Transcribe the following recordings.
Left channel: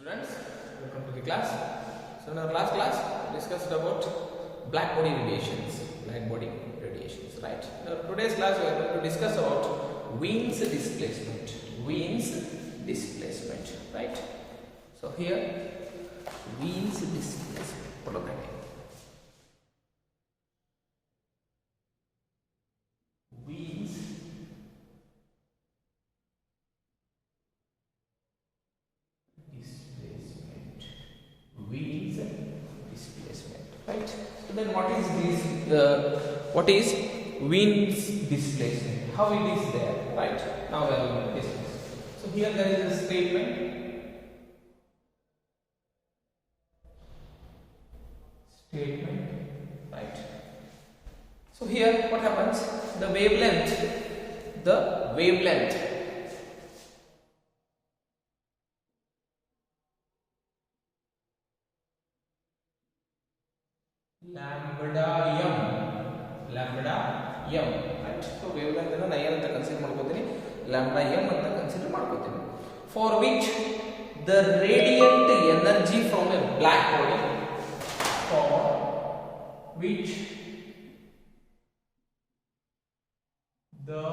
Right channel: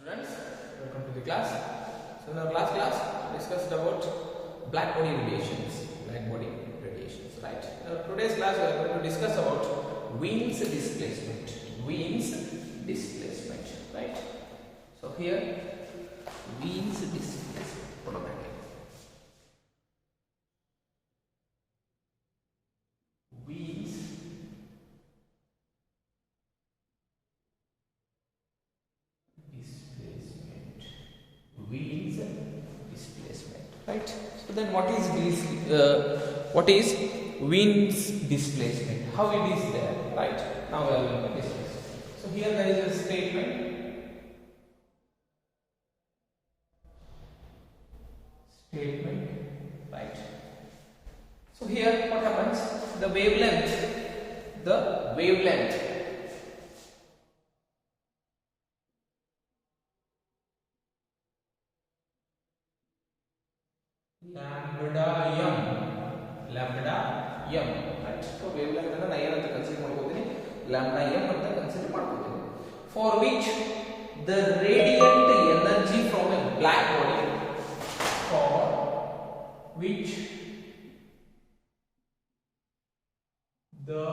Students, welcome to the class. So in our last class, we discussed about black body radiations. Right? Today's class, we are going to discuss about Wien's displacement. Right? So here, Wien's displacement. Wien's displacement, right? So then what is Wien's displacement? How it is there, right? Now we are going to discuss. So here there is a statement. Right? So here what happens? The wavelength lambda m, right? So wavelength ಅನ್ನು ನಾನು ಏನಂತ consider ಮಾಡ್ಕೊತೀನಿ, lambda m ಅಂತ consider ಮಾಡ್ಕೊತೀನಿ, for which the radiant energy from a black body, for which the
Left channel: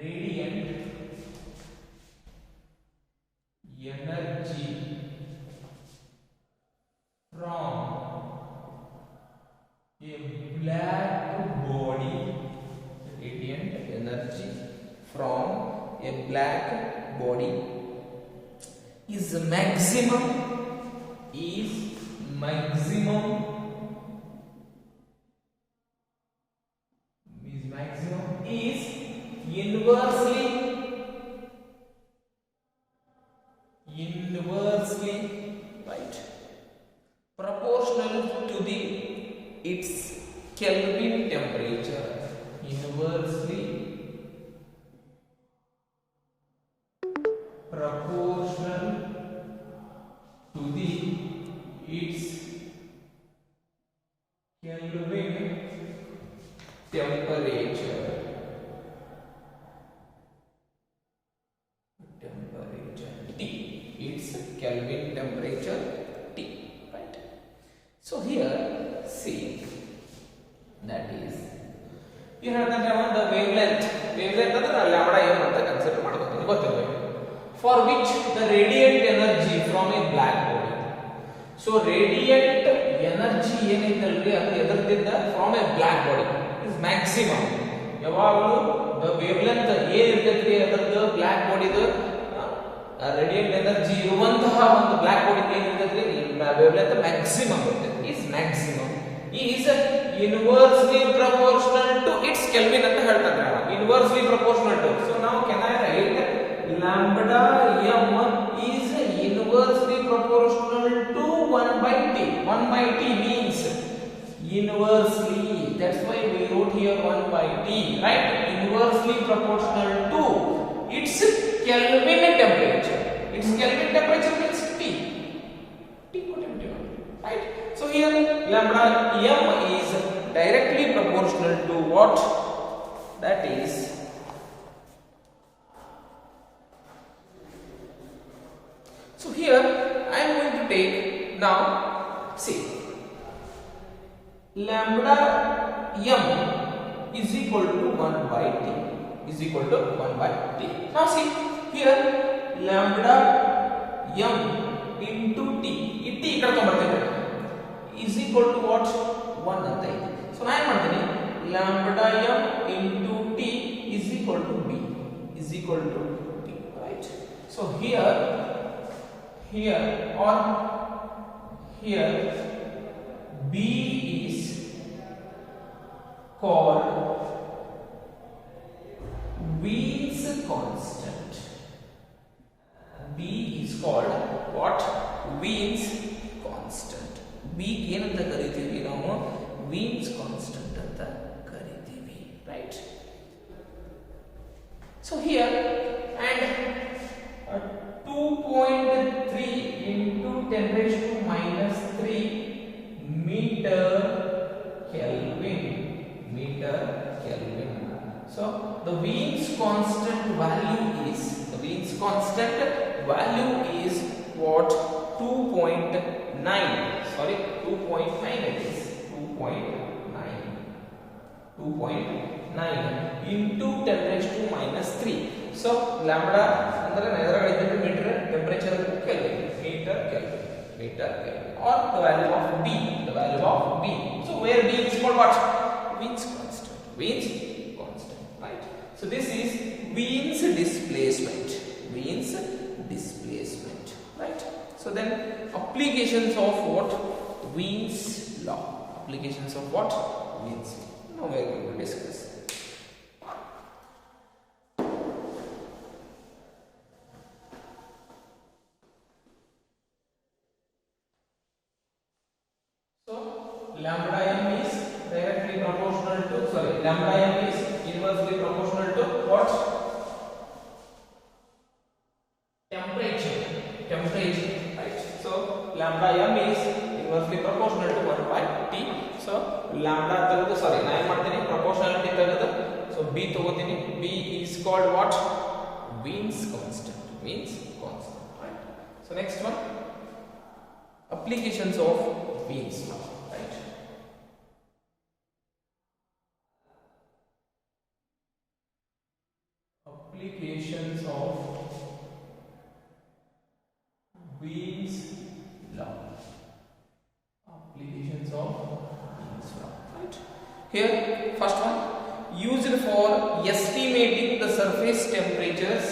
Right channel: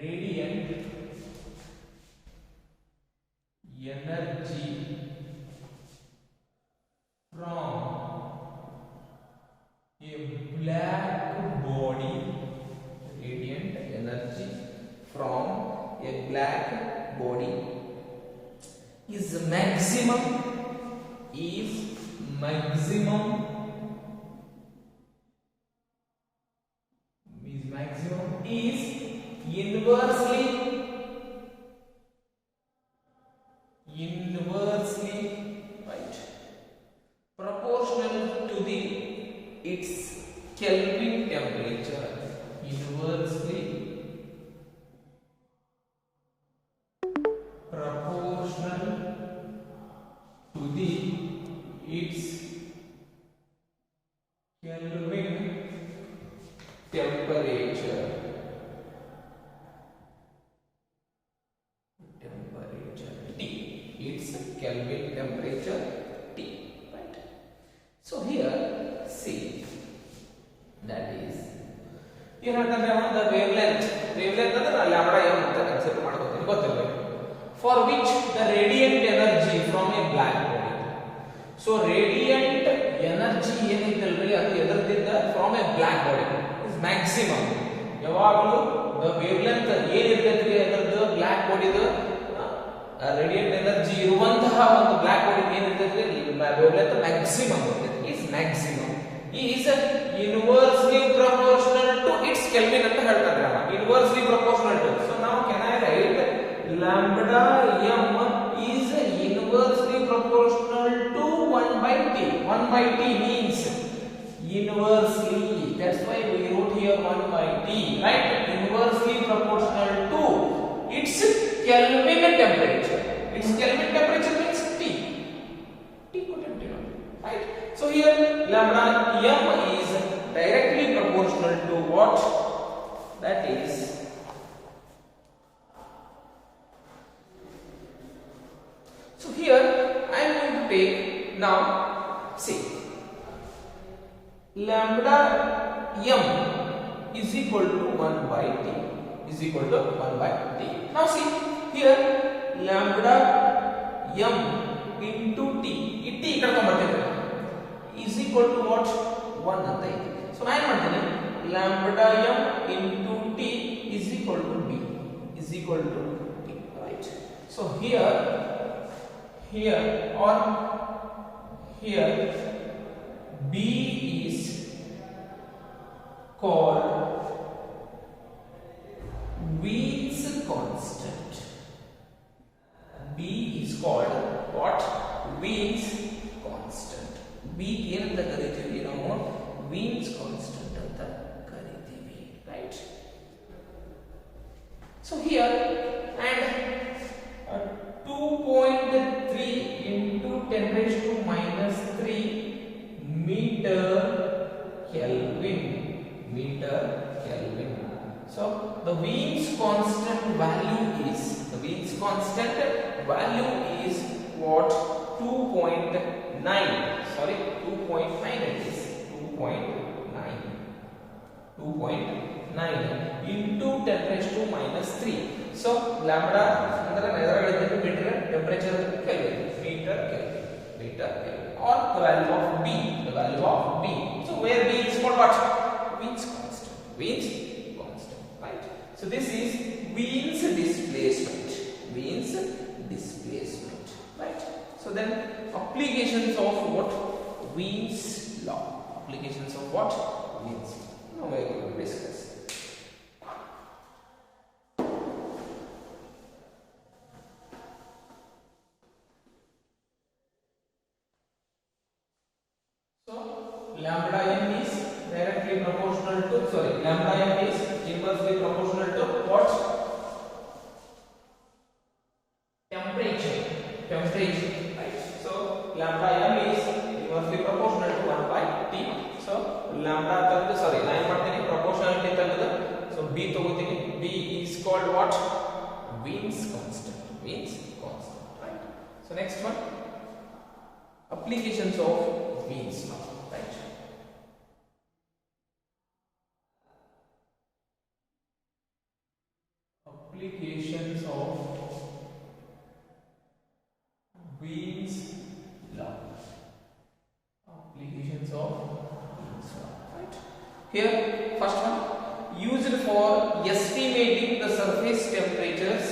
radiant energy from a black body, radiant energy from a black body is maximum is inversely right proportional to its Kelvin temperature, inversely proportional to its Kelvin temperature. T, its Kelvin temperature T, right? So here see, that is you have the wavelength ಅಂದ್ರೆ lambda m ಅಂತ consider ಮಾಡ್ಕೊತೀನಿ, ಗೊತ್ತಿರಬೇಕು, for which the radiant energy from a black body. So radiant energy ಏನಿತ್ತಲ್ರಿ ಅದು ಎದರದಿಂದ from a black body is maximum. ಯಾವಾಗಲೂ the wavelength ಏನಿರ್ತೈತ್ರಿ ಅದರದ್ದು black body ದು radiant energy ಇರುವಂತಹ ಒಂದು black body ಏನಿರ್ತೈತ್ರಿ wavelength maximum ಇರ್ತೈತಿ, is maximum is inversely proportional to its Kelvin ಅಂತ ಹೇಳ್ತಾರೆ ನಾವು, inversely proportional to. So now can I write lambda m is inversely proportional to 1 by t. 1 by t means inversely, that's why we wrote here 1 by t, right? Inversely proportional to its Kelvin temperature. Its Kelvin temperature means T potential, right? So here lambda m is directly proportional to what? That is so here I am going to take now, see, lambda m is equal to 1 by t, Now see here lambda m into t, t ikkada ತಗೊಂಡ್ಬರ್ತೀನಿ, is equal to what? 1 ಅಂತ ಇದೆ. So ನಾನು ಏನು ಮಾಡ್ತೀನಿ, lambda m into t is equal to b, right? So here or here b is called Wien's constant. B is called what? Wien's constant. B ಏನಂತ ಕರೀತೀವಿ ನಾವು? Wien's constant ಅಂತ ಕರೀತೀವಿ, right? So here and 2.3 into 10 raised to minus 3 meter Kelvin. So the Wien's constant value is constant value is what? 2.9. Sorry, 2.9 it is. 2.9. 2.9 into 10 raised to minus 3. So lambda ಅಂದರೆ ಎದುರಾಗಿದ್ದು metre temperature kelvin or the value of B. So where B is called what? Wien's constant, right? So this is Wien's displacement, right? So then applications of what? Wien's law. Now we are going to discuss. Lambda m is directly proportional to lambda m is inversely proportional to what? Temperature, right? So lambda m is inversely proportional to 1 by T. So lambda na ಏನು ಮಾಡ್ತೀನಿ proportionality ತೆಗೆದು so B ತಗೋತೀನಿ. B is called what? Wien's constant, right? So next one, applications of Wien's law, right? Applications of Wien's law. Right? Here, first one, used for estimating the surface temperatures.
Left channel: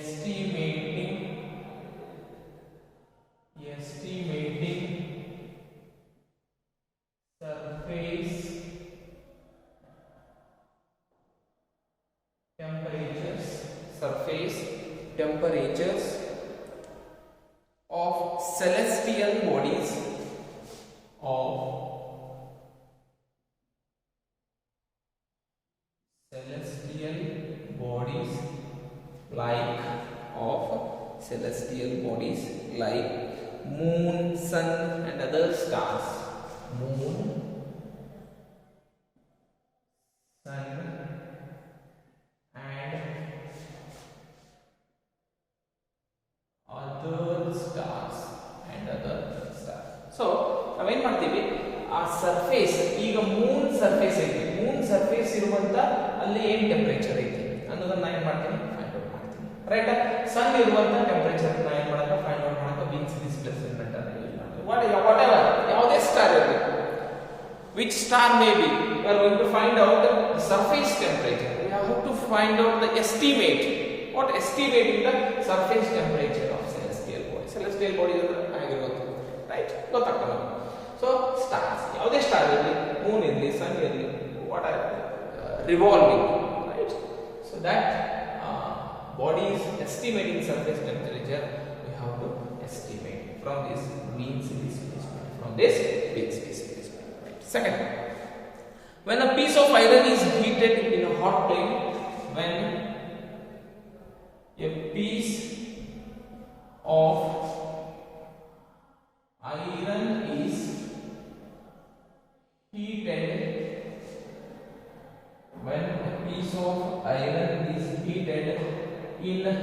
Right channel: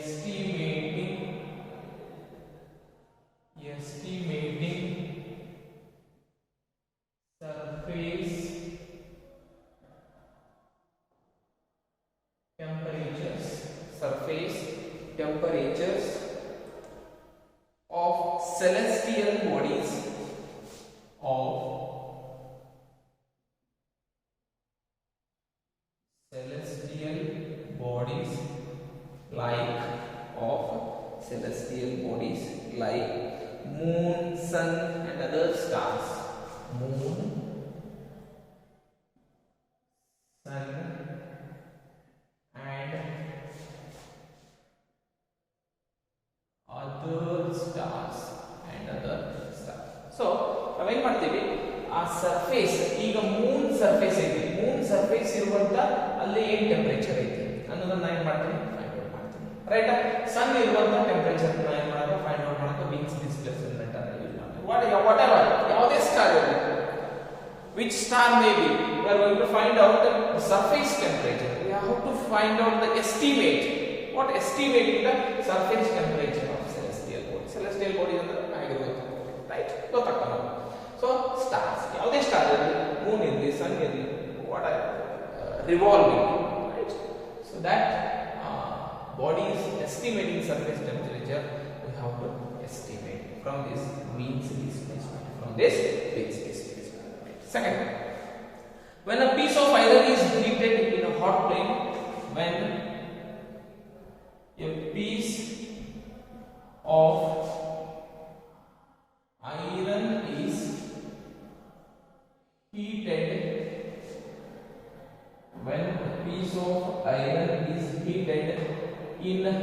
Estimating surface temperatures of celestial bodies like moon, sun and other stars. So ನಾವೇನ್ ಮಾಡ್ತೀವಿ ಆ surface, ಈಗ Moon surface ಐತಿ, Moon surface ಇರುವಂತ ಅಲ್ಲಿ ಏನ್ temperature ಐತಿ ಅನ್ನೋದನ್ನ ನಾನು ಏನ್ ಮಾಡ್ತೀನಿ ಫೈಂಡ್ ಔಟ್ ಮಾಡ್ತೀನಿ, ರೈಟ್? ಸನ್ ಇರುವಂತ ಟೆಂಪರೇಚರ್ ನಾನು ಏನ್ ಮಾಡಬೇಕು ಫೈಂಡ್ ಔಟ್ ಮಾಡಬೇಕು ವಿಚ್ ಡಿಸ್ಪ್ಲೇಸ್ಮೆಂಟ್ ಅಂತ ಯೂಸ್ ಮಾಡ್ತೀವಿ. ವಾಟ್ ಎವರ್ ಯಾವುದೇ ಸ್ಟಾರ್ ಇರಲಿ, which star may be, we are going to find out the surface temperature. We have to find out the estimate. What estimating the surface temperature of celestial body. Celestial body is right? ಗೊತ್ತಾಗ್ತದೆ. So stars, ಯಾವುದೇ star ಇರಲಿ, Moon ಇರಲಿ, ಸನ್ ಇರಲಿ, what are revolving, right? So that body is estimating surface temperature. We have to estimate from this Wien's displacement. Right? Second, when a piece of iron is heated in a hot plane, when a piece of iron is heated in a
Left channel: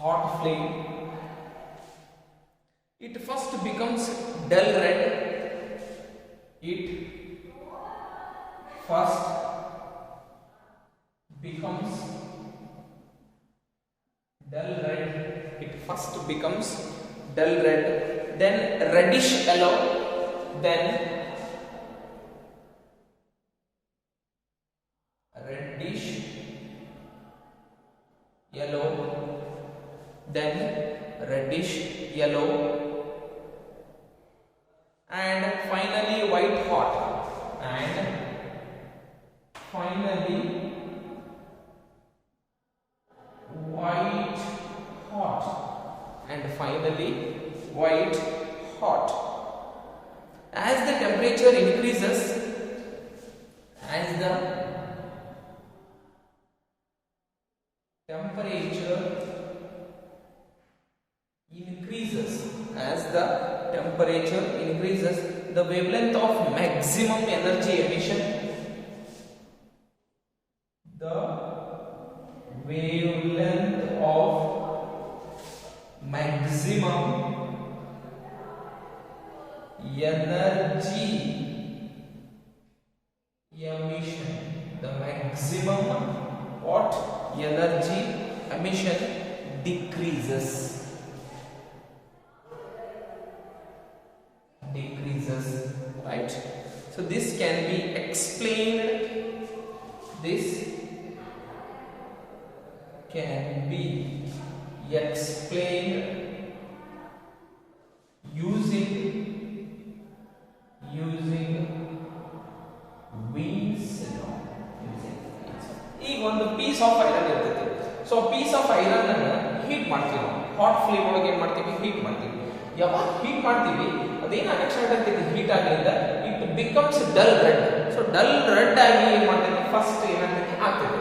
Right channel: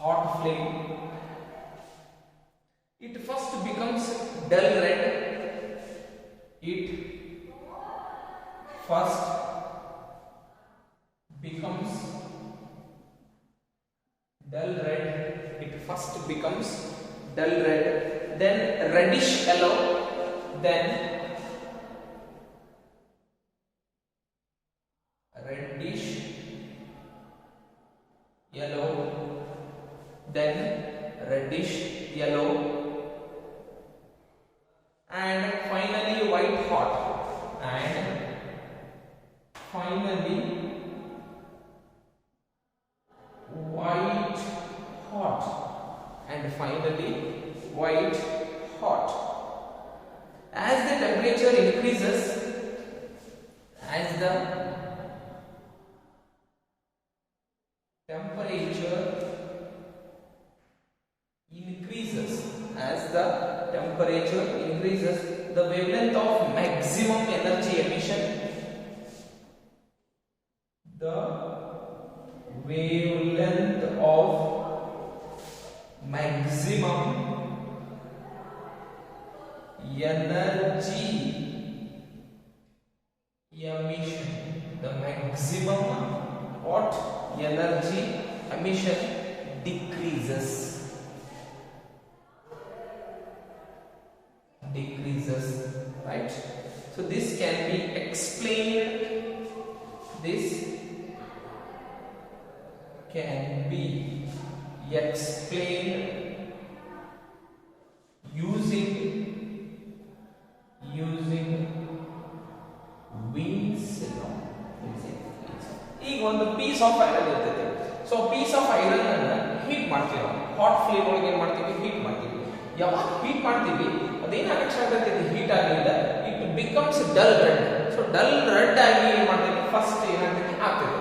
hot flame, it first becomes dull red. It first becomes dull red, then reddish yellow, then reddish yellow, and finally white hot, and finally white hot. As the temperature increases, as the temperature increases, the temperature increases, the wavelength of maximum energy emission, the wavelength of maximum energy emission, the maximum what energy emission decreases, right? So this can be explained, this can be explained using Wien's law. ಈಗ ಒಂದು piece of iron ಇರ್ತದೆ. So piece of iron ಅನ್ನು heat ಮಾಡ್ತೀವಿ ನಾವು. Hot flame ಒಳಗೆ ಏನು ಮಾಡ್ತೀವಿ? Heat ಮಾಡ್ತೀವಿ. ಯಾವಾಗ ಹೀಟ್ ಮಾಡ್ತೀವಿ ಅದೇನಾಗಕ್ಕೆ ಸ್ಟಾರ್ಟ್ ಆಗ್ತದೆ? ಹೀಟ್ ಆಗಲಿಂದ it becomes dull red. So dull red ಆಗಿ ಏನು ಮಾಡ್ತದೆ? ಫಸ್ಟ್ ಏನಾಗ್ತದೆ? ಆಗ್ತದೆ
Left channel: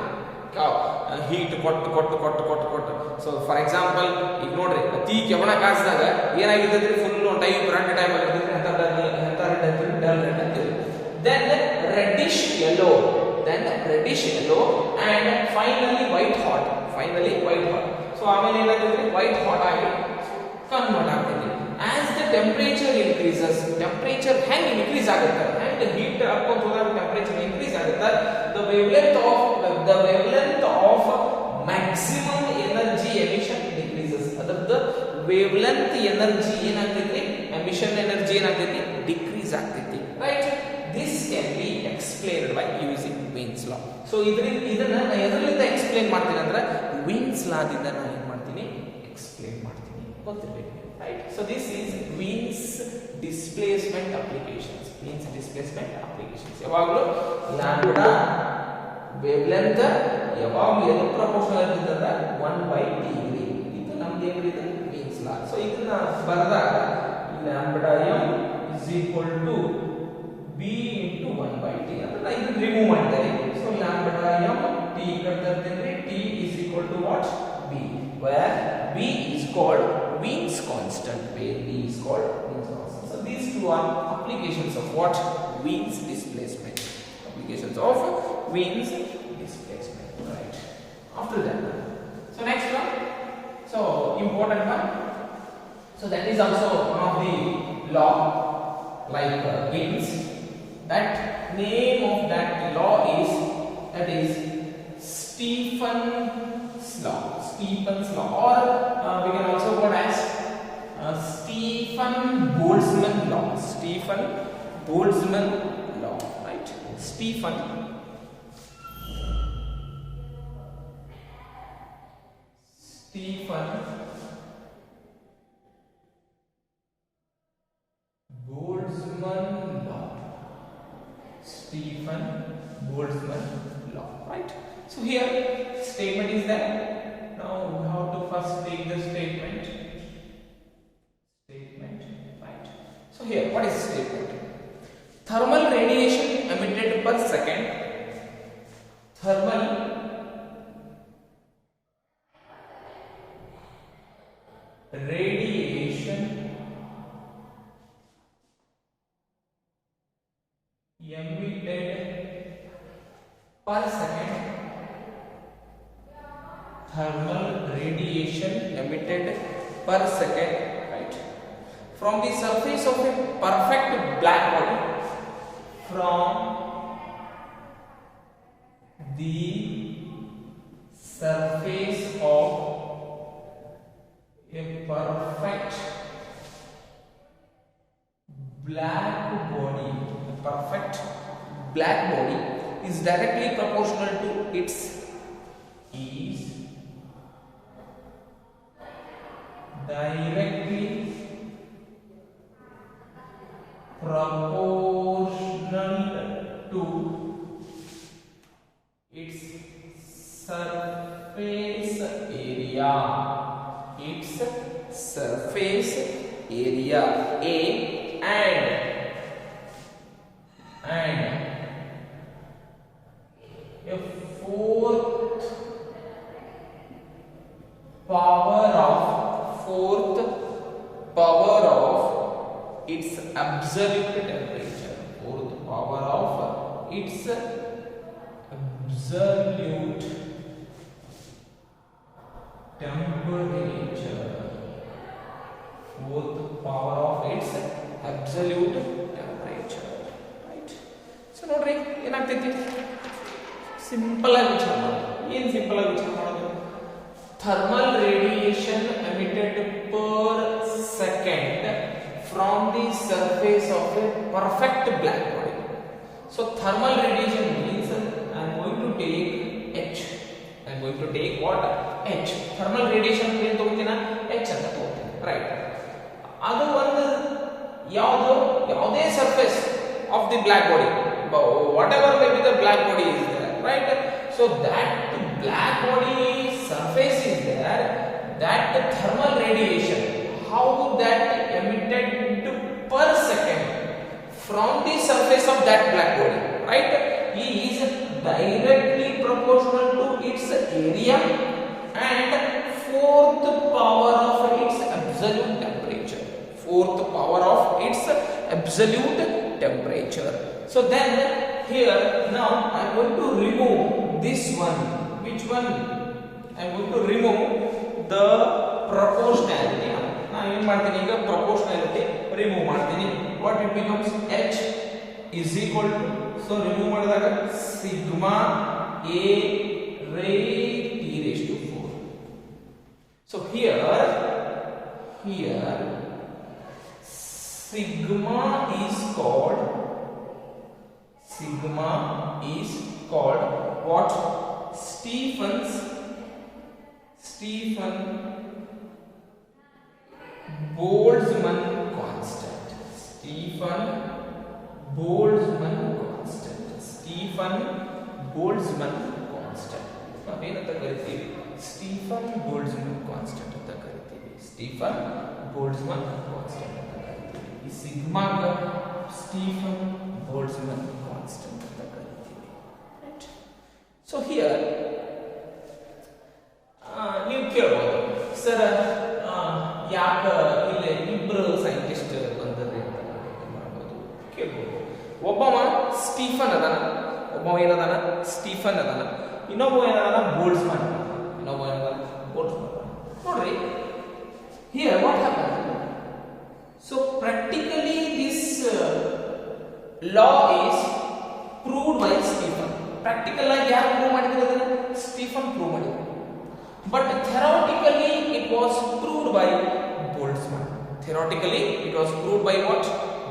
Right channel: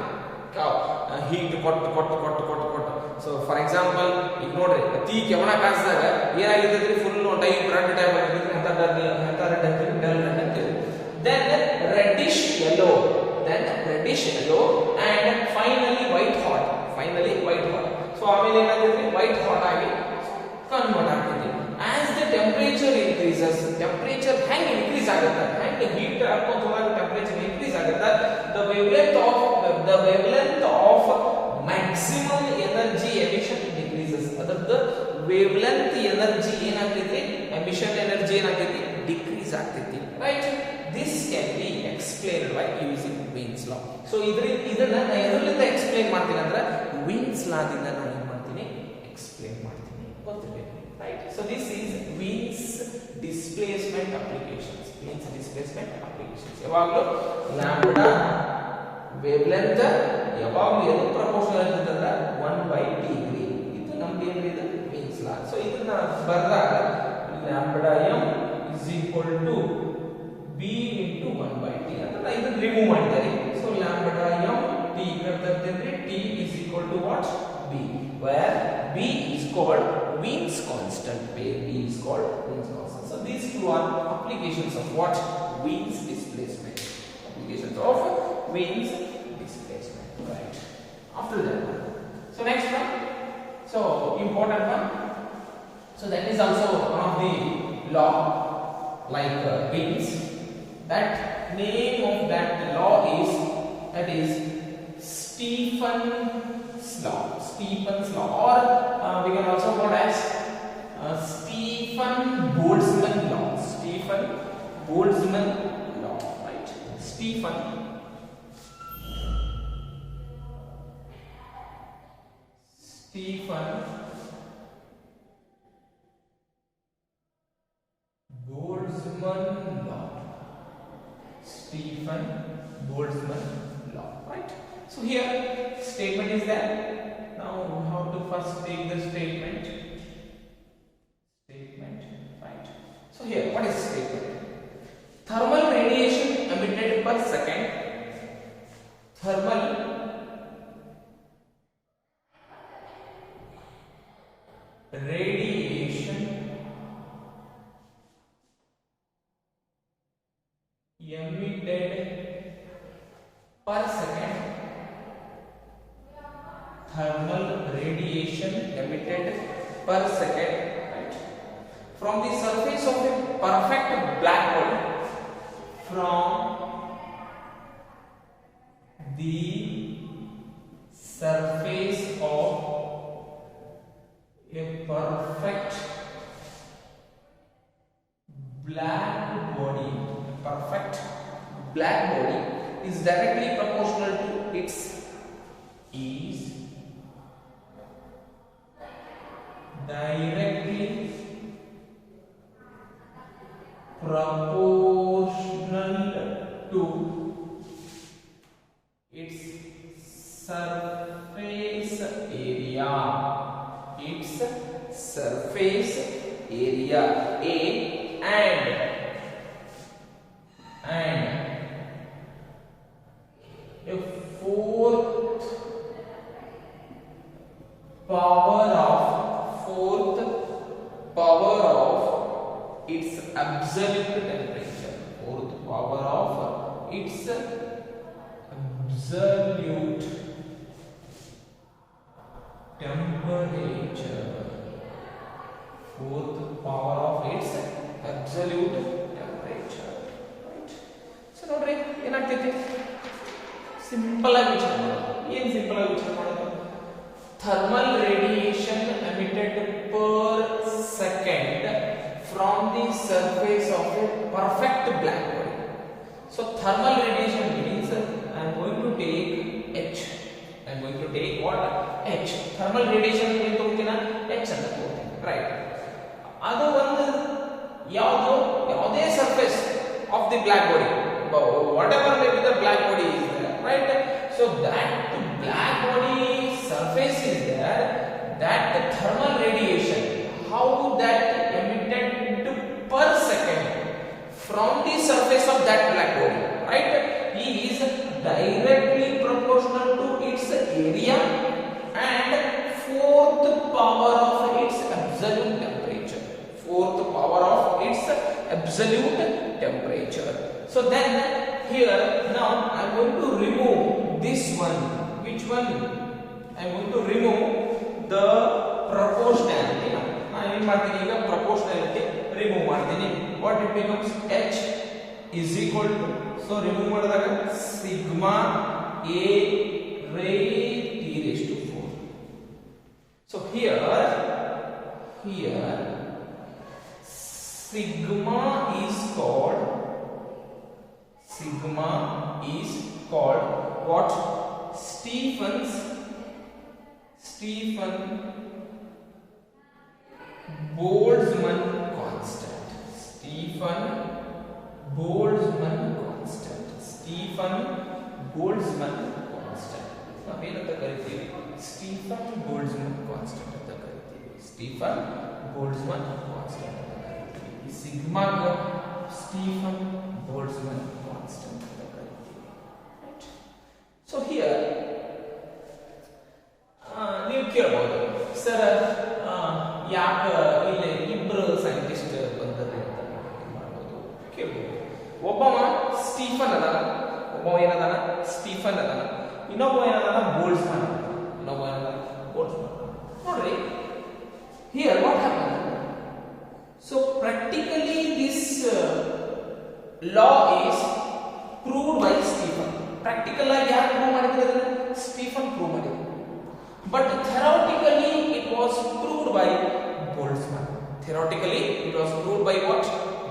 ಹೀಟ್ ಕೊಟ್ಟು. ಸೊ ಫಾರ್ ಎಕ್ಸಾಂಪಲ್ ಈಗ ನೋಡ್ರಿ, ಅತಿ ಕೆಮಣ ಕಾಯಿಸಿದಾಗ ಏನಾಗಿರ್ತದೆ? ಫುಲ್ ಟೈಪ್ ರೆಡ್ ಟೈಪ್ ಆಗಿರ್ತದೆ. ಅಂತ ರೆಡ್ ಡಲ್ ರೆಡ್ ಅಂತೀವಿ. then reddish yellow and finally white hot. So ಆಮೇಲೆ ಏನಾಗುತ್ತೆ? white hot ಆಗಿ ಕನ್ವರ್ಟ್ ಆಗ್ತದೆ. as the temperature increases, temperature ಹೆಂಗೆ ಇನ್ಕ್ರೀಸ್ ಆಗುತ್ತೆ and heat ಹಾಕೊಂತ ಹೋದಾಗ temperature ಇನ್ಕ್ರೀಸ್ ಆಗುತ್ತೆ, the wavelength of maximum energy emission decreases. ಅದರದ wavelength energy ಏನಾಗ್ತೈತಿ? emission energy ಏನಾಗ್ತೈತಿ? ಡಿಕ್ರೀಸ್ ಆಗ್ತೈತಿ, right? This can be explained by using Wien's law. So ಇದನ್ನ ನಾನು ಎದರಿಂದ ಎಕ್ಸ್ಪ್ಲೇನ್ ಮಾಡ್ತೀನಿ ಅಂದ್ರೆ Wien's law ದಿಂದ ನಾನು ಏನು ಮಾಡ್ತೀನಿ? ಎಕ್ಸ್ಪ್ಲೇನ್ ಮಾಡ್ತೀನಿ, ಗೊತ್ತಿರಬೇಕು, right? So this is Wien's displacement applications. ಯಾವಾಗಲೂ ಲ್ಯಾಂಬ್ಡಾ ವೇವ್ಲೆಂತ್ ಯಾವಾಗಲೂ ಎದು ಪ್ರಪೋರ್ಷನಲ್ ಇರ್ತದೆ? 1/T. ಇದು ನಮ್ದು ಏನಿದೆ? Wien's law. So ಇದನ್ನ ಬರೆದಾಗ lambda m is equal to b into 1/T ಅಂತ ನಾನು ಇದನ್ನ ರಿಮೂವ್ ಮಾಡಿದ್ದೇನೆ. So lambda m t ಕರ್ತಂದ್ರೆ t is equal to what? b, where b is called Wien's constant. So these two are applications of what? Wien's displacement. Right? After that, so next one, so important one. So that is also one of the law like Wien's. That name of that law is Stephen's law, or we can also call it as Stephen-Boltzmann law, right? Stephen-Boltzmann law, right? So here statement is there. Now we have to first take the statement, right? So here, what is the statement? Thermal radiation emitted per second. Thermal radiation emitted per second. Thermal radiation emitted per second, right? From the surface of a perfect black body. From the surface of a perfect black body. Is directly proportional to its directly proportional to its surface area. A and a fourth power of its absolute temperature. Fourth power of its absolute temperature. Fourth power of its absolute temperature. Right? So nodri enagtೈತಿ simple ಆಗಿ ವಿಚಾರ ಮಾಡೋದು. ಏನು simple ಆಗಿ ವಿಚಾರ ಮಾಡೋದು? Thermal radiation emitted per second from the surface of a perfect black body. So thermal radiation means I am going to take H. I am going to take what? H. Thermal radiation ಏನು ತಗೋತೀನ? H ಅಂತ ತಗೋತೀನಿ. Right. ಅದು ಒಂದು ಯಾವುದೇ surface of the black body, whatever may be the black body is there, right? So that black body surface is there, that thermal radiation, how that emitted per second from the surface of that black body, right, is directly proportional to its area and fourth power of its absolute temperature. Fourth power of its absolute temperature. So then here now I am going to remove this one. Which one? I am going to remove the proportionality. Now I am marking the proportionality. Remove marking. What it becomes? H is equal to, so remove ಮಾಡಿದಾಗ sigma a raised t raised to 4. So here sigma is called what? Stephen Boltzmann constant. Stephen Boltzmann constant. ನಾವೇನಂತ ಕರಿತೀವಿ? Stefan Boltzmann constant ಅಂತ ಕರಿತೀವಿ. Stefan Boltzmann constant ಅಂತ ಕರಿತೀವಿ. ಈ ಸಿಗ್ಮಾಗೆ Stefan Boltzmann constant ಅಂತ ಕರಿತೀವಿ. ರೈಟ್? ಸೊ ಹಿಯರ್ ನೀವು ಕೇಳಬಹುದು, ಸರ್ ಯಾಕೆ ಇಲ್ಲಿ ಇಬ್ಬರು ಸೈಂಟಿಸ್ಟ್ ಬಂದದ್ದು ಅಂತ ಮಾಡ್ಬೋದು, ಕೇಳ್ಬೋದು. ಒಬ್ಬವ ಸ್ಟೀಫನ್ ಅದಾನ, ಒಬ್ಬವ ಏನದಾನ? ಸ್ಟೀಫನ್ ಅದಾನ. ಇನ್ನೊಬ್ಬ ಏನದಾನ? ಬೋಲ್ಟ್ಜ್ಮನ್. ನೋಡ್ರಿ, here what happen? So practically this law is proved by Stephen. Practical ಆಗಿ ಯಾರು ಪ್ರೂವ್ ಮಾಡಿದ್ರು ಅದನ್ನ? ಸ್ಟೀಫನ್ ಪ್ರೂವ್ ಮಾಡಿದ್ರು. But theoretically it was proved by Boltzmann. Theoretically it was proved by what?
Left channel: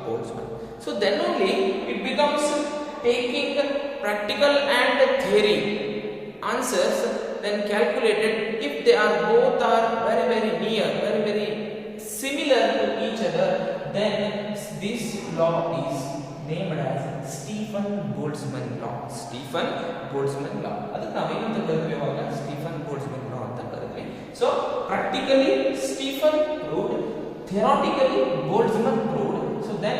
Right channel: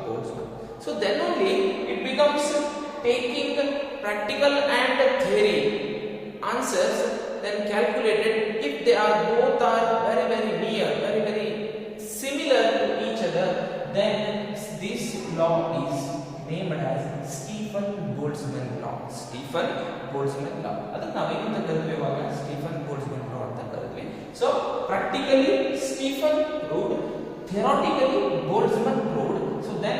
Boltzmann. So then only it becomes taking practical and theory answers then calculated, if they are both are very near, very similar to each other, then this law is named as Stephen Boltzmann law. Stephen Boltzmann law. ಅದಕ್ಕೆ ನಾವೇನಂತ ಕರಿತೀವಿ ಇವಾಗ? Stefan Boltzmann law ಅಂತ ಕರಿತೀವಿ. So practically Stephen proved, theoretically Boltzmann proved. So then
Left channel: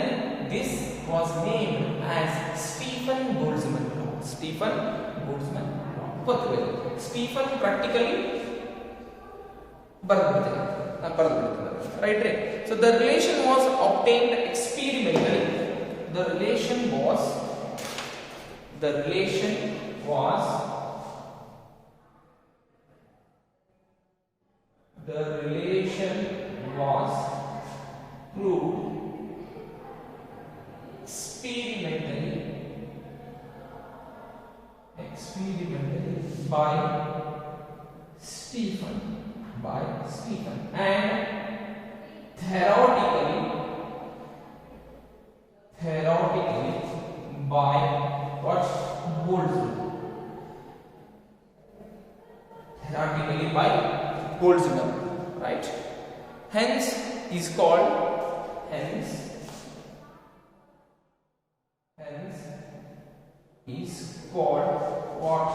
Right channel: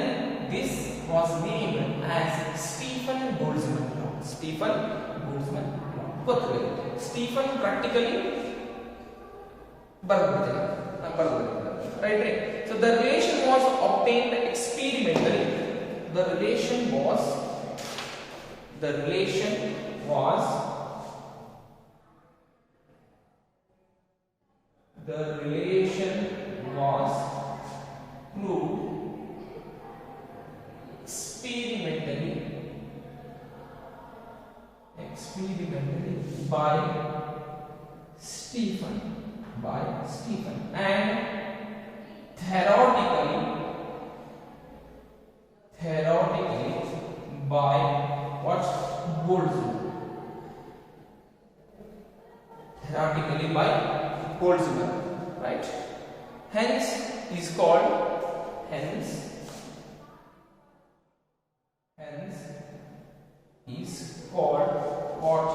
this was named as Stephen Boltzmann law. Stephen Boltzmann law. ಗೊತ್ತಿದೆ. Stephen practically ಬರೆದಿದ್ದಾರೆ. Right? So the relation was obtained experimentally. The relation was proved experimentally by Stephen and theoretically by what? Boltzmann. Theoretically by Boltzmann, right? Hence is called what?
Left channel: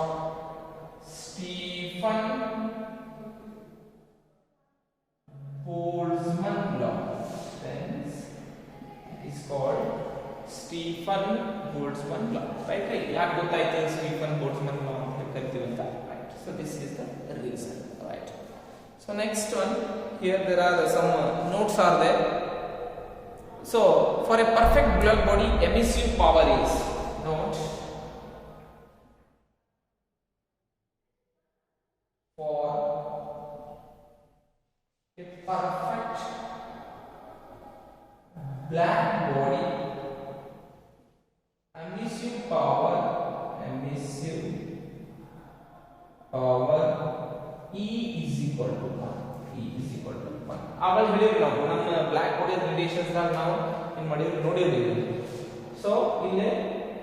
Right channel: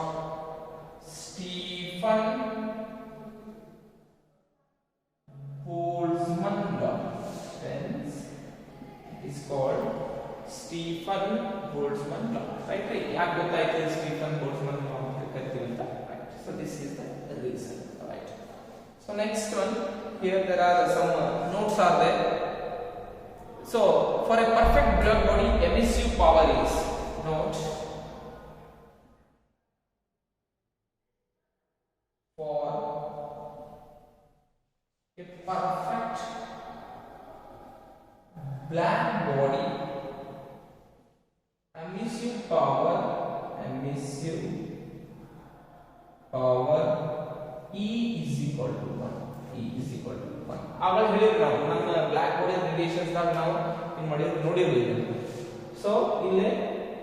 Stephen Boltzmann law. Hence is called Stephen Boltzmann law. Right? ಯಾಕೆ ಗೊತ್ತಾಯ್ತು Stephen Boltzmann law ಅಂತ ಕರಿತೀವಿ ಅಂತ? Right. So this is the reason. Right. So next one, here there are some notes are there. So for a perfect black body, emissive power is not for a perfect black body, emissive power E is equal to 1. E is equal to 1. ಆವಾಗ ಹೇಳಿದ್ರು ನಾವು ನಮ್ಮ block body relations ದಾಗ ನಾವು ಏನು ಮಾಡಿದ್ವಿ ನೋಡಿರಲಿಲ್ಲ. So ಇಲ್ಲಿ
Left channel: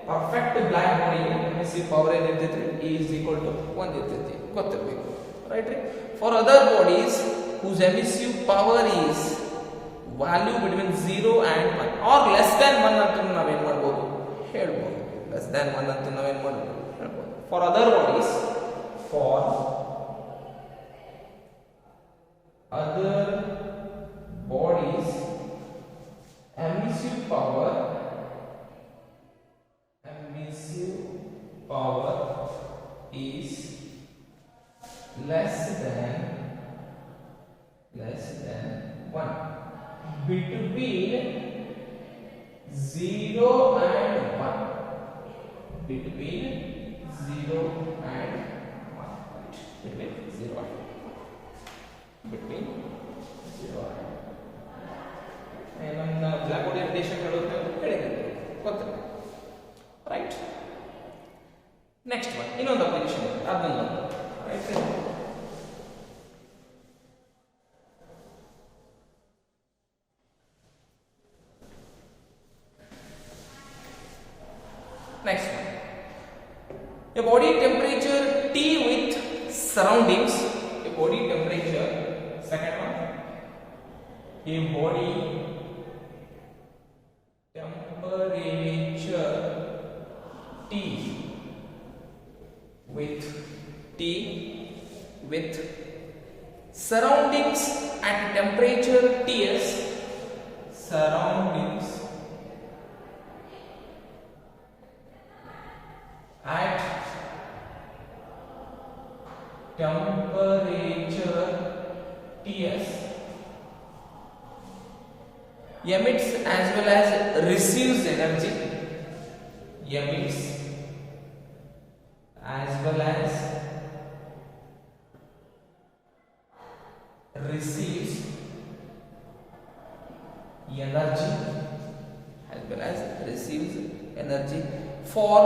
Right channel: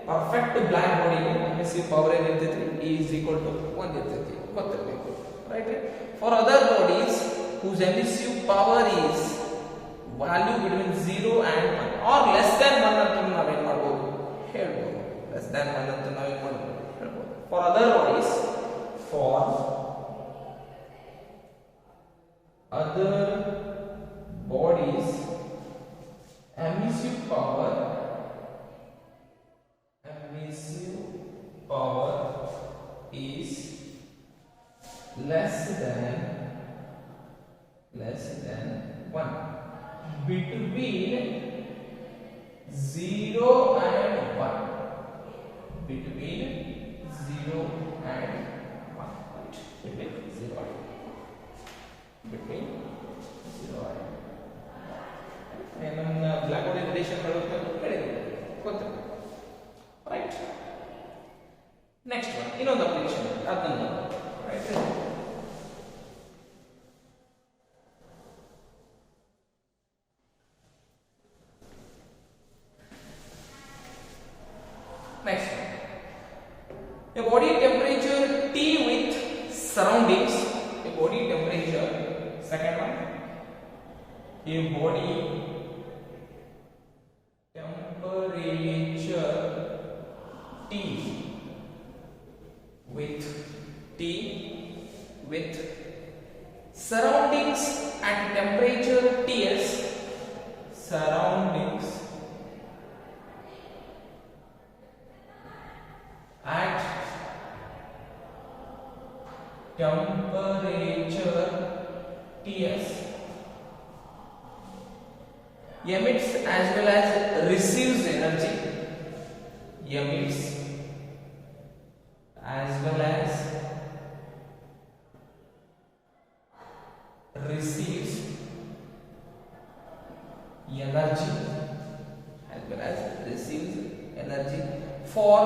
perfect black body emissive power ಏನಿರ್ತೈತಿ E is equal to 1 ಇರ್ತೈತಿ, ಗೊತ್ತಿರಬೇಕು, ರೈಟ್ ರೀ. For other bodies whose emissive power is value between 0 and 1 or less than 1 ಅಂತ ನಾವೇನು ಮಾಡಬಹುದು ಹೇಳ್ಬೋದು. less than 1 ಅಂತ ನಾವೇನು ಮಾಡಬಹುದು ಹೇಳ್ಬೋದು. for other bodies emissive power is less than 1 between 0 and 1, between 0 and 1, right? Between 0 and 1. ನನ್ನ ಬ್ಲಾಕ್ ಬಾಡಿ ರಿಲೇಷನ್ ಹೇಳಿದ್ರೆ ಗೊತ್ತಿಲ್ಲ, ರೈಟ್. ನೆಕ್ಸ್ಟ್ ಒನ್, ಇನ್ನೊಂದು ಅಪ್ಲಿಕೇಶನ್ ಅದನ್ನ right. Next, a body temperature T with surroundings. A body temperature. Second one, a body temperature T with surroundings at temperature Ts. Surroundings at temperature Ts emits as well as receives energy. Emits as well as receives energy, as well as receives energy for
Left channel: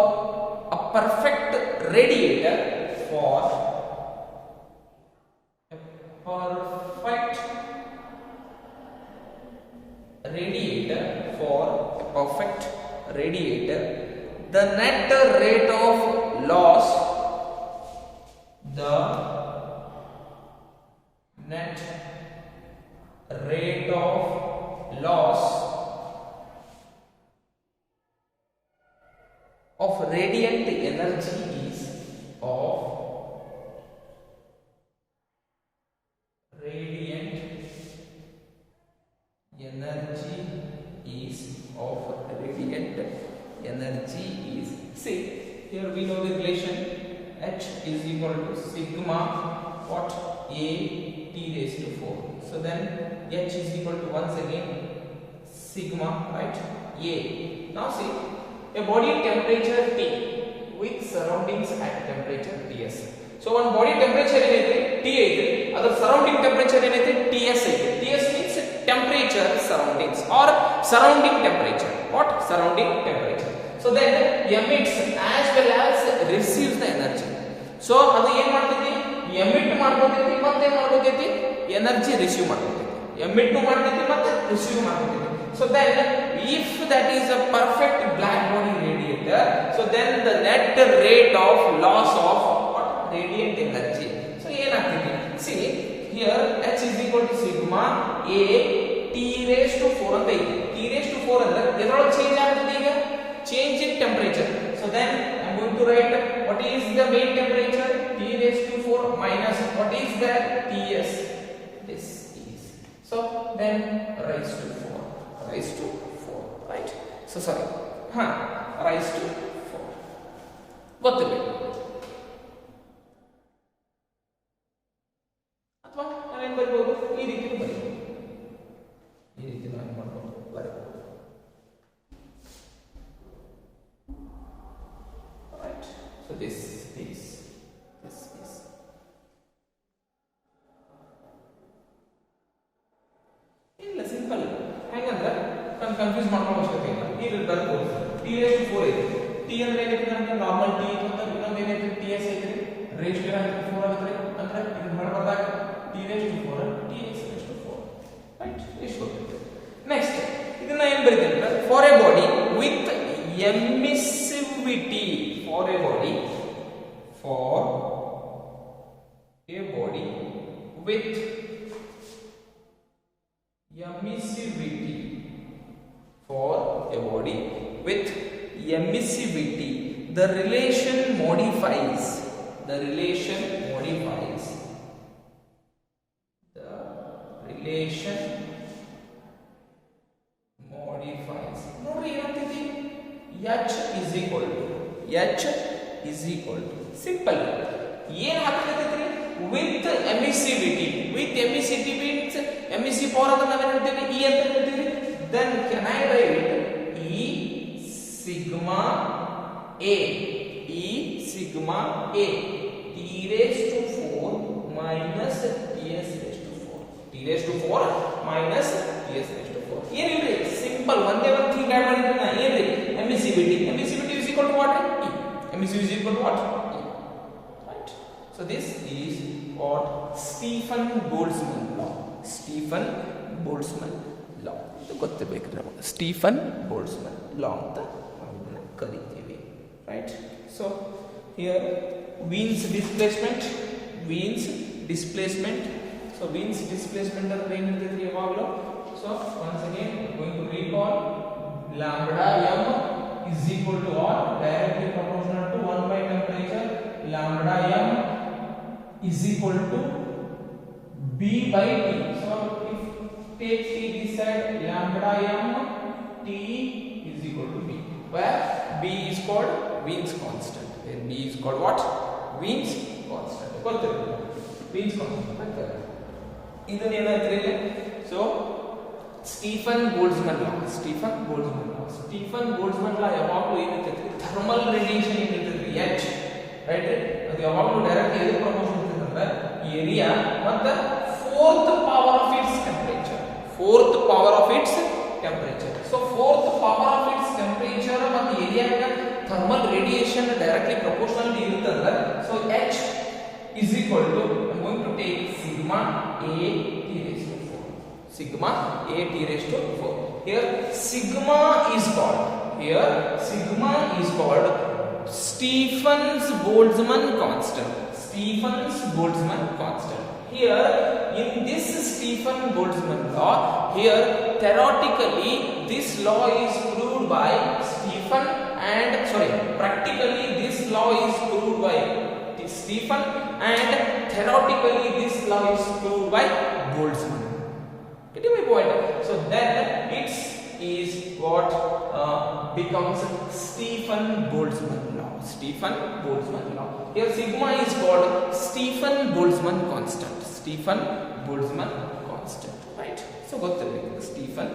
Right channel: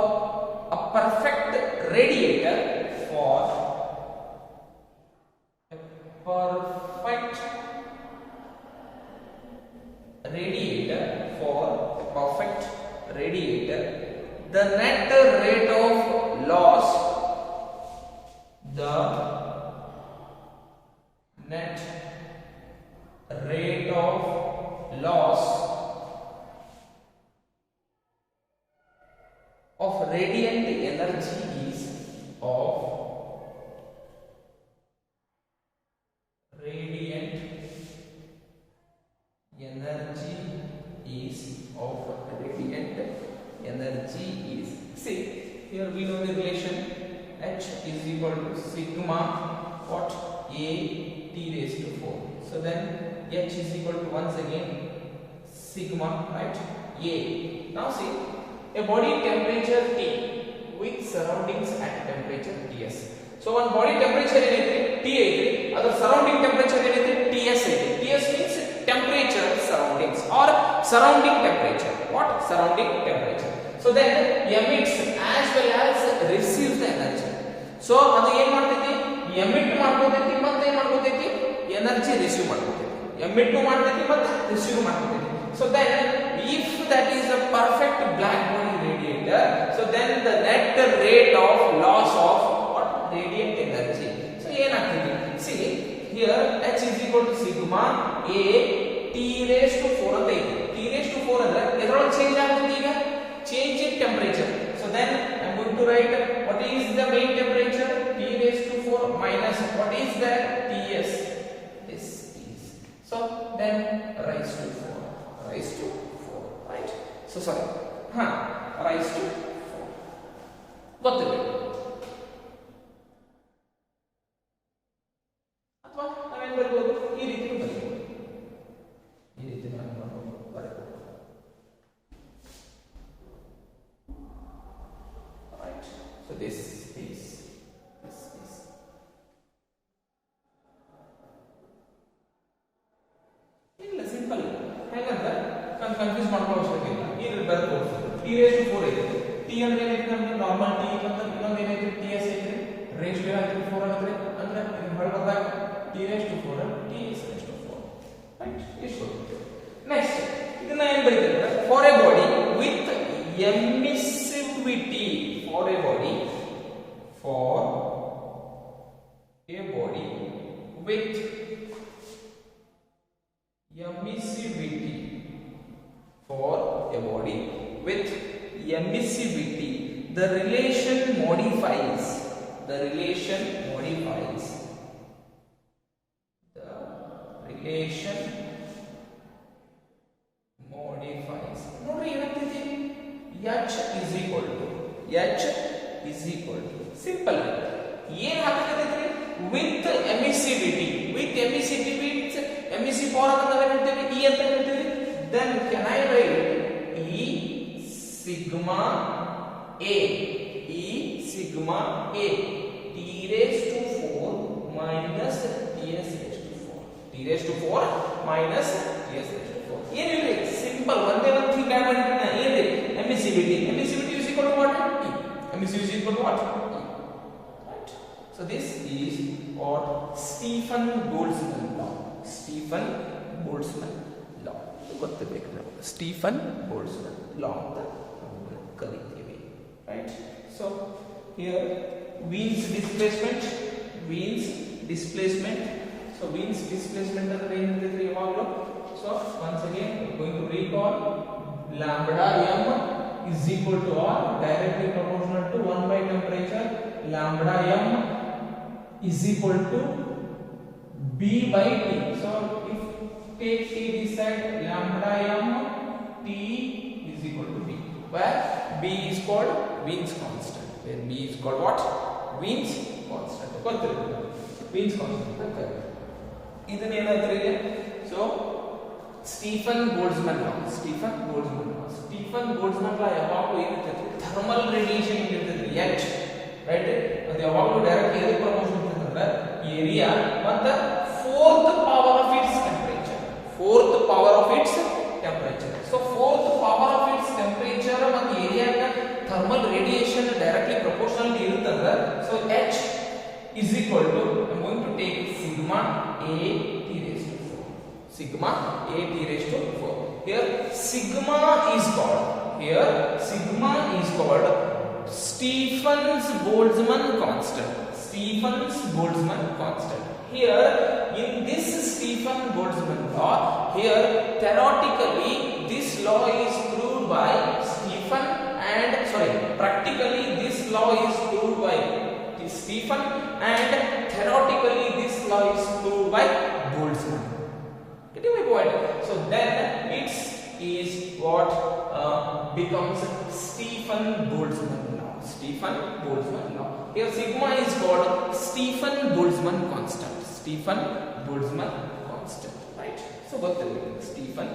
a perfect radiator. For a perfect radiator, the net rate of loss of radiant energy is see, here we know the relation H is equal to sigma what A T raised to 4. So then H is equal to once again sigma, right, A. Now see, a body temperature T with surroundings at temperature Ts. So one body temperature ಏನೈತಿ T ಐತಿ, ಅದರ surrounding temperature ಏನೈತಿ Ts ಐತಿ. Ts means temperature surroundings or surrounding temperature. What? Surrounding temperature. So then emits as well as receives the energy. So ಅದು ಏನು ಮಾಡ್ತೈತಿ, emit ಮಾಡ್ಕೊತೈತಿ ಮತ್ತೆ ಏನು ಮಾಡ್ಕೊತೈತಿ, energy receive ಮಾಡ್ಕೊತೈತಿ. emit ಮಾಡ್ತೈತಿ ಮತ್ತೆ receive ಮಾಡ್ಕೊತೈತಿ. So then if that is a perfect black body radiator, so then the net rate of loss of what? Radiant energy. So ಏನಾಗ್ತೈತಿ, see here H is equal to sigma A T raised to 4 ಅಂತ ಇದೆ. T raised to 4 ಅಂದ್ರೆ ಇದರೊಳಗೆ change ಆಗ್ತೈತಿ, ಈಗ change in temperature. So then I am going to write what is the main temperature, T raised to 4 minus what is that, Ts. This is, so then raised to 4, right? So sorry, raised to 4 ಗೊತ್ತಿರಬೇಕು. ಅಥವಾ ನಾವೇನು ಬರೀಬಹುದು, ಈ ರೀತಿ ಬರೀಬಹುದು, ಈ ರೀತಿ ನಾವು ಮಾಡಬಹುದು, ಬರೀಬಹುದು. Simple. ಹಾಗಂದ್ರೆ ನಾನು ಕನ್ಫ್ಯೂಸ್ ಮಾಡ್ಕೊಳ್ಳೋ ಅವಶ್ಯಕತೆ ಇಲ್ಲ. ಈಗ ಬರ್ಬೋದು t raised to 4 ಐತೆ. t ಅಂದ್ರೆ ಏನೈತೆ ನಮಗೆ ನಾರ್ಮಲ್ t ಅಂತ ಇನ್ನೊಂದು ಏನೈತೆ ts ಐತೆ raised to 4 ಅಂದ್ರೆ ಇದು ಮಾಡ್ಬಾರ್ದಾಗ t raised to 4 ts raised to 4 right. ಇಷ್ಟು ನೆಕ್ಸ್ಟ್ ಇದನ್ನ ಏನು ಬರೀತಾರೆ for a body with emissivity for a body with emissivity for a body with emissivity the relation modifies ನೋಡಿ ಏನಂತಿದೆ h is equal to simple ಏನು ಹಾಕಬೇಕಾದ್ರೆ with emissivity means emissive power ಅಂತ ನಾವು ಹೇಳ್ತೀವಿ E ಅಂತ ಹೇಳ್ತೀವಿ. then can I write E sigma a t raised to 4 minus ts raised to 4 minus ts raised to 4 ಏನಿದೆ simple ಒಂದೇ ಒಂದು ಥಿಂಗ್ ಆಡ್ ಮಾಡಿದ್ರೆ ಏನಿದೆ emissivity is equal to what E emissivity is equal to what So this is what Stephen Boltzmann law. ಇದು ಗೊತ್ತಿರಬೇಕು ನಮಗೆ Stefan Boltzmann law ಅಂತ ಕರೀತೀವಿ right. So here Wien's displacement so Wien's displacement ಅಂದ್ರೆ ಏನು ಹೇಳ್ತಿದ್ರಿ ಯಾವಾಗಲೂ. So once again going to recall lambda m is equal to or directly proportional to 1 by temperature. Lambda m is equal to b by t. So if take t this side, lambda m t is equal to b, where b is called Wien's constant. Where b is called what? Wien's constant. Wien's constant. ಇದನ್ನ ಏನಾದ್ರೆ so Stefan Boltzmann ಲಾ ಯಾವಾಗಲೂ ಏನಿರ್ತೈತಿ thermal radiation ಇರ್ತೈತಿ h right. ಅದು ಯಾವಾಗಲೂ direct ಎಲ್ಲಿ promotion ಇರ್ತೈತೆ area ಮತ್ತು fourth power of its temperature. So fourth power of its temperature ಮತ್ತು ಏರಿಯಾಗ ಥರ್ಮಲ್ ರೇಡಿಯೇಷನ್ ಡೈರೆಕ್ಟ್ಲಿ ಪ್ರಪೋರ್ಷನಲ್ ಇರುತ್ತಂದ್ರೆ so h is equal to I'm going to take sigma a t raised to 4. Sigma a t raised to 4. Here sigma is called Stephen's Boltzmann constant. Here in this Stephen Boltzmann law, here theoretically this law is proved by Stephen and practically this law is proved by Stephen and theoretically this law is proved by Boltzmann. Get my point? So then it is what becomes Stephen Boltzmann law. Here sigma is called Stephen Boltzmann constant. Right? So got the Stephen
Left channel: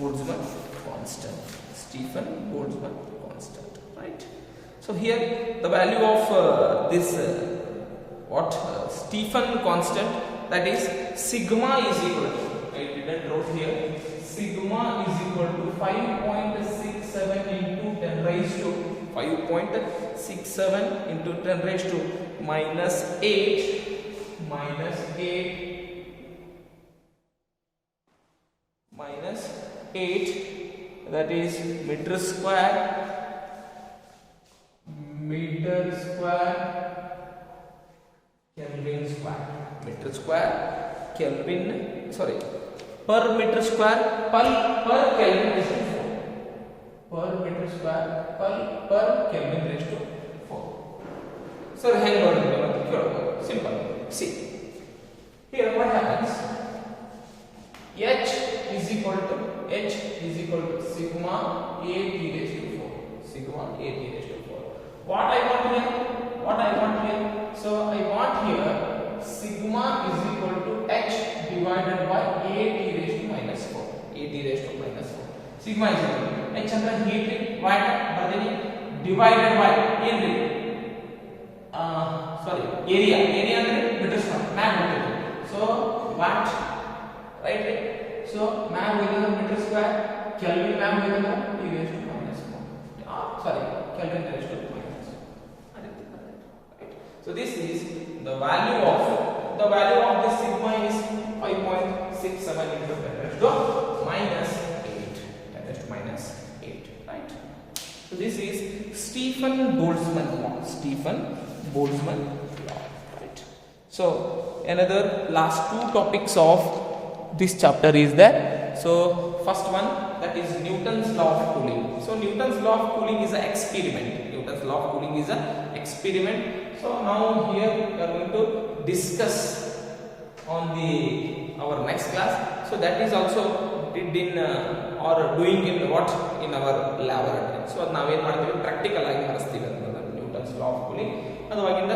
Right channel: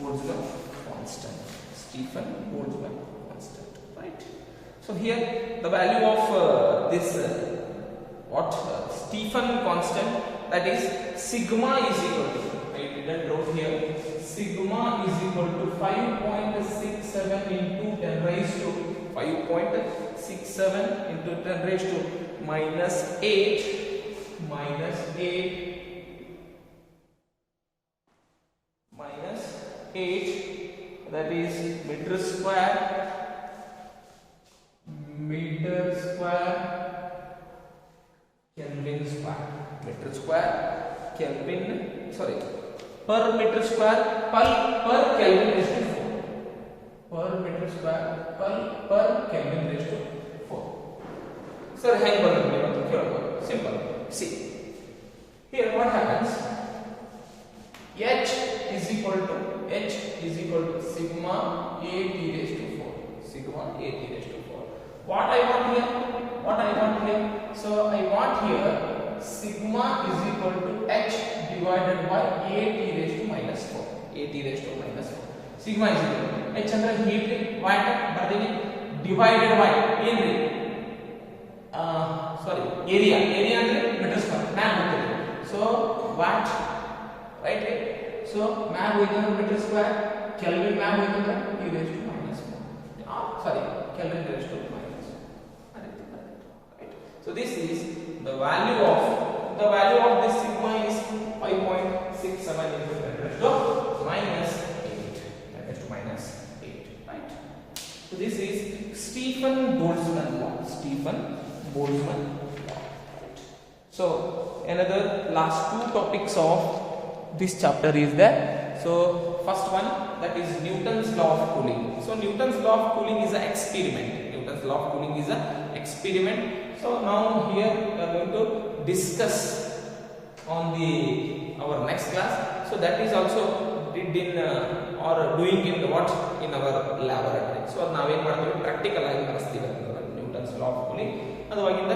Boltzmann constant. Right? So here the value of this Stephen constant, that is sigma is equal to, I didn't wrote here, sigma is equal to 5.67 into 10 raised to 5.67 into 10 raised to minus 8 that is meter square Kelvin square. Per meter square per Kelvin raised to 4. Per meter square per Kelvin raised to 4. Sir, how simple. See, here what happens? H is equal to sigma a t raised to 4. What I want here? So I want here sigma is equal to h divided by a t raised to minus 4. Sigma is equal to h ಅಂದ್ರೆ heat watt ಬರ್ದಿನಿ divided by ಏನ್ರಿ area ಅಂದ್ರೆ meter square ನಾನು ಹೇಳ್ತೀನಿ. So watt, right? So ma'am ಹೋಯ್ತಂದ್ರೆ metre square, kelvin ma'am ಹೋಯ್ತಂದ್ರೆ e raised to minus 1. Sorry, Kelvin raised to minus 1. So this is the value of this sigma is 5.67 into 10 raised to minus 8. 10 raised to minus 8, right? So this is Stephen Boltzmann law. Right? So another last two topics of this chapter is there. So first one, that is Newton's law of cooling. So Newton's law of cooling is an experiment. So now here we are going to discuss on our next class. So that is also did in or doing in what in our laboratory. So now we are practical ಆಗಿ ಮಾಡಿಸ್ತೀವಿ Newton's law of cooling. ಅದವಾಗಿಂದ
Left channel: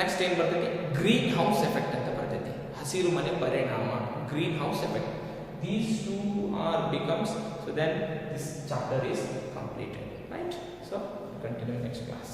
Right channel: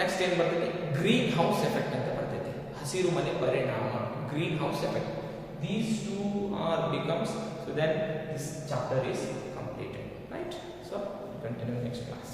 next ಏನು ಬರ್ತೈತಿ, green house effect ಅಂತ ಬರ್ತೈತಿ, ಹಸಿರು ಮನೆ ಪರಿಣಾಮ, green house effect. These two are becomes, so then this chapter is completed, right? So continue next class.